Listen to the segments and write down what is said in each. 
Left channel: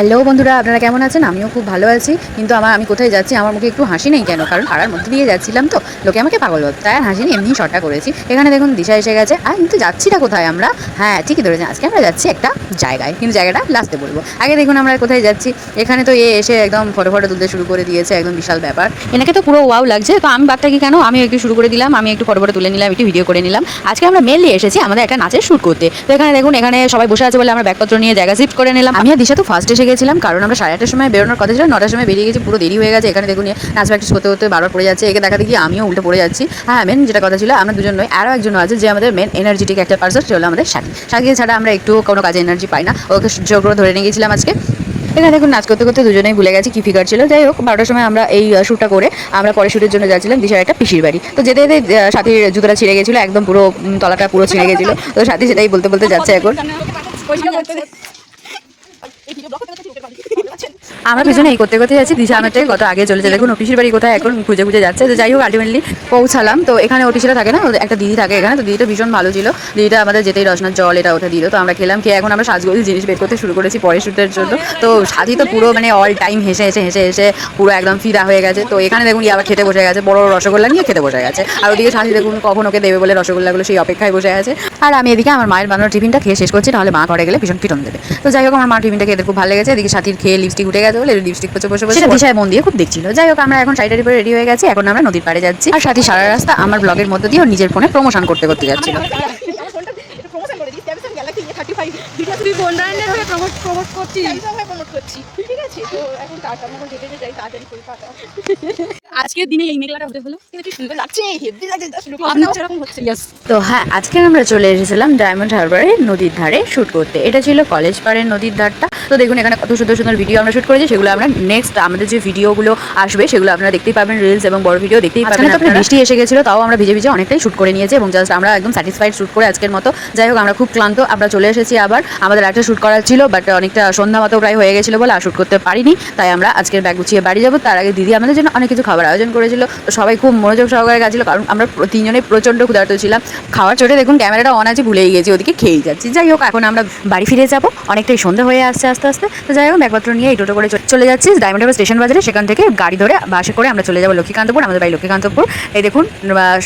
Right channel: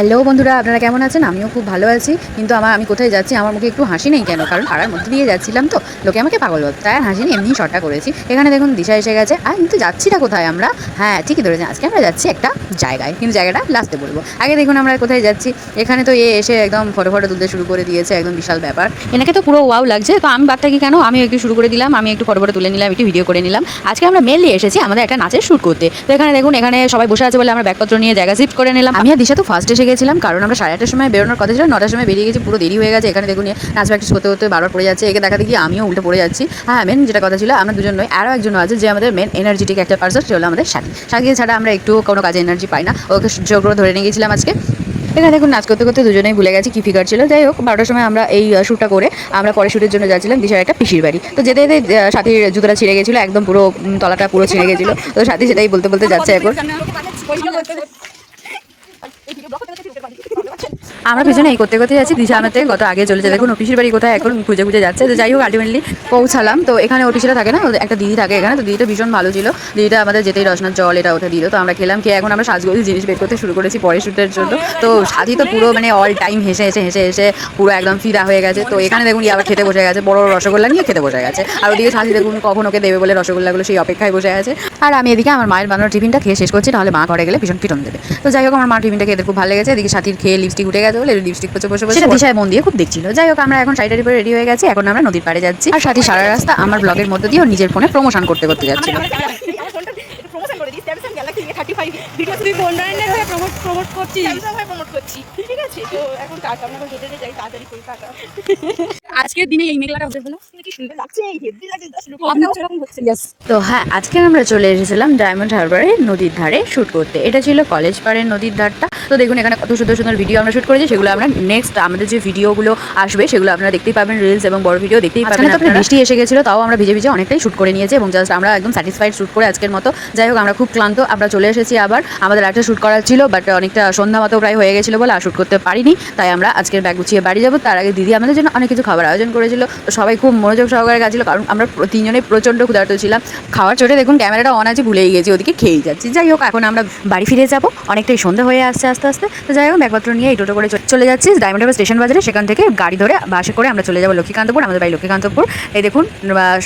Hello বন্ধুরা, আপনারা কেমন আছেন? আমিও খুব ভালো আছি। কিন্তু আমি কোথায় যাচ্ছি আমার মুখে একটু হাসি নেই কেন? কারণ পাড়ার মধ্যে দিয়ে যাচ্ছিলাম তো লোকে আমাকে পাগল ভাবত, তাই আর হাসি নেই, এমনিই শর্টটা করেছি। এখানে দেখুন দিশা এসে গেছে। আর কিন্তু যাচ্ছিটা কোথায় আমরা? হ্যাঁ, ঠিকই ধরেছেন, আজকে আমরা যাচ্ছি একটা জায়গায়, কিন্তু জায়গাটা লাস্টে বলবো। আগে দেখুন আমরা কোথায় যাচ্ছি। এখানে তো এসে একদম ফটো ফটো তুলতে শুরু করে দিয়েছে, একদম বিশাল ব্যাপার। এনাকে তো পুরো ওয়াও লাগছে। তো আমি বাদটা কি কেন, আমি একটু শুরু করে দিলাম, আমি একটু ফটো ফটো তুলে নিলাম, একটু ভিডিও করে নিলাম। আজকে আমরা মেনলি এসেছি আমাদের একটা নাচের শ্যুট করতে। তো এখানে দেখুন, এখানে সবাই বসে আছে বলে আমরা ব্যাগপত্র নিয়ে জায়গা শিফট করে নিলাম। আমি আর দিশা তো ফার্স্ট এসে গেছিলাম, কারণ আমরা 8:30টার সময় বেরোনোর কথা ছিল, 9টার সময় বেরিয়ে গেছি, পুরো দেরি হয়ে গেছে। এখানে দেখুন নাচ প্র্যাকটিস করতে করতে বারবার পড়ে যাচ্ছে, একে দেখা দেখি আমিও উল্টে পড়ে যাচ্ছি। হ্যাঁ, মেন যেটা কথা ছিল, আমরা দুজন নয়, আরও একজন আছে যে আমাদের মেন এনার্জেটিক একটা পার্সন, সেটা হলো আমাদের সাথী ছাড়া আমরা একটু কোনো কাজে এনার্জি পাই না। ওকে জোর করে ধরে নিয়ে গেছিলাম আজকে। এখানে দেখুন নাচ করতে করতে দুজনেই ভুলে গেছি কি ফিগার ছিল। যাই হোক, 12টার সময় আমরা এই শ্যুটটা করে আমরা পরে শ্যুটের জন্য যাচ্ছিলাম দিশার একটা পিসির বাড়ি। তো যেতে যেতে সাথীর জুতোটা ছিঁড়ে গেছিলো, একদম পুরো তলাটা পুরো ছিঁড়ে গেছিলো। তো সাথী সেটাই বলতে বলতে যাচ্ছে এখন। আমরা পিছনে এই করতে করতে যাচ্ছি, দিশা আমারটাই কত আগে চলে যায়। দেখুন অফিসের বাড়ি কোথায় এখন খুঁজে খুঁজে যাচ্ছে। তো যাই হোক, আলটিমেটলি পৌঁছালাম। তো এখানে অফিসরা থাকে না, একটা দিদি থাকে এখানে। তো দিদিটা ভীষণ ভালো ছিল। দিদিটা আমাদের যেতেই রসনার জল এটা ওটা দিল। তো আমরা খেলাম, খেয়ে এখন আমরা সাজগোজ জিনিস বের করতে শুরু করেছি পরের শ্যুটের জন্য। তো সাজি তো পুরো মানে অল টাইম হেসে হেসে হেসে হেসে পুরো একদম ফিদা হয়ে গেছে। তো এখানে দেখুন আবার খেতে বসে গেছে, বড় রসগোল্লা নিয়ে খেতে বসে গেছে। আর ওদিকে সাজি দেখুন কখন ওকে দেবে বলে রসগোল্লাগুলো সেই অপেক্ষায় বসে আছে। আর আমি এদিকে আমার মায়ের বানানোর টিফিনটা খেয়ে শেষ করছি, নাহলে মা ঘরে গেলে ভীষণ পিটন দেবে। তো যাই হোক, আমার মা টিফিনটা খেতে খুব ভালো লেগেছে। এদিকে সাথীর খেয়ে লিপস্টিক উঠে গেছে বলে লিপস্টিক বসে বসে সেটা দিশায় মন দিয়ে খুব দেখছিল। যাই হোক, আমরা এখন শাড়িটার উপরে রেডি হয়ে গেছি, এখন আমরা নদীর পাড়ে যাচ্ছি। আর সাথী সারা রাস্তা আমার ব্লগের মধ্যে দিয়ে নিজের ফোনে প্রমোশন করতে করতে যাচ্ছি। আজকের দিনে এই মেঘলাটা হলো কিন্তু সুন্দর লাগছে, হেভি লাগছে, সেরকম হচ্ছে। তো হ্যাঁ, আজকে আমরা চলে এসেছিলাম ডায়মন্ড হারবারে নদীর ধারে শ্যুট করতে। এটা ছিল কলেজ পাড়ের নদীর ধারটা। তো দেখুন এখানে কত সুন্দর সুন্দর ভিডিও আমরা শ্যুট করেছি, সেগুলো আমরা নেক্সট আমাদের যে ভিডিওগুলো আসবে সেগুলো আপনারা দেখতেই পাবেন, রিলস এবং বড় ভিডিও দেখতেই পাবেন। তো বৃষ্টি এসে গেছিলো, তাও আমরা ভিজে ভিজে অনেকটাই শ্যুট করে নিয়েছি এবং জাস্ট আমরা একদম স্যাটিসফাইড শ্যুট করে আজকের মতো। যাই হোক, আমরা খুব ক্লান্ত, আমরা চলে এসেছি আবার। আমাদের একটা শ্যুট করার ছিল, বাট অনেকটা সন্ধ্যা মতো প্রায় হয়ে গেছিলো বলে আর শ্যুট করতে পারিনি। তাই আমরা আজকের ব্যাগ গুছিয়ে বাড়ি যাবো। তার আগে দিদি আমাদের জন্য অনেক কিছু খাবার আয়োজন করেছিল। তো সবাই খুব মনোযোগ সহকারে গেছিলো, কারণ আমরা তিনজনেই প্রচণ্ড ক্ষুধার্ত ছিলাম। খাওয়ার চোটে দেখুন ক্যামেরাটা অন আছে, ভুলেই গেছি, ওদিকে খেয়েই যাচ্ছি। যাই হোক, এখন আমরা বাড়ি ফিরে যাবো, অনেকটাই সন্ধ্যা হয়ে আসছে আস্তে আস্তে। তো যাই হোক, ব্যাগপত্র নিয়ে এই টোটো করে চলে যাচ্ছি ডায়মন্ড হারবার স্টেশন বাজারে। সেখান থেকে গাড়ি ধরে বাসে করে আমরা চলে যাবো লক্ষ্মীকান্তপুর, আমাদের বাড়ি লক্ষ্মীকান্তপুর। এই দেখুন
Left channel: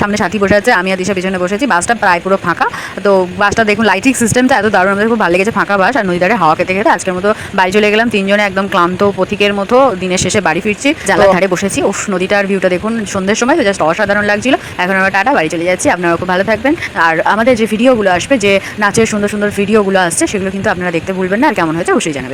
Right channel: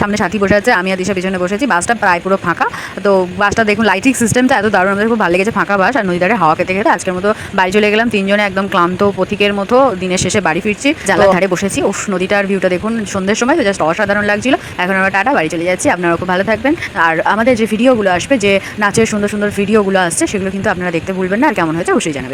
সামনে সাথী বসে আছে, আমি আর দিশা পিছনে বসেছি। বাসটা প্রায় পুরো ফাঁকা। তো বাসটা দেখুন লাইটিং সিস্টেমটা এত দারুণ, আমাদের খুব ভালো লেগেছে, ফাঁকা বাস আর নদী ধারে হাওয়া খেতে খেতে আজকের মতো বাড়ি চলে গেলাম তিনজনে, একদম ক্লান্ত পথিকের মতো। দিনের শেষে বাড়ি ফিরছি, জানলার ধারে বসেছি। উফ, নদীটার ভিউটা দেখুন সন্ধ্যের সময়, তো জাস্ট অসাধারণ লাগছিল। এখন আমরা টাটা, বাড়ি চলে যাচ্ছি। আপনারা খুব ভালো থাকবেন। আর আমাদের যে ভিডিওগুলো আসবে, যে নাচের সুন্দর সুন্দর ভিডিওগুলো আসছে, সেগুলো কিন্তু আপনারা দেখতে ভুলবেন না। আর কেমন হয়েছে অবশ্যই জানাবেন।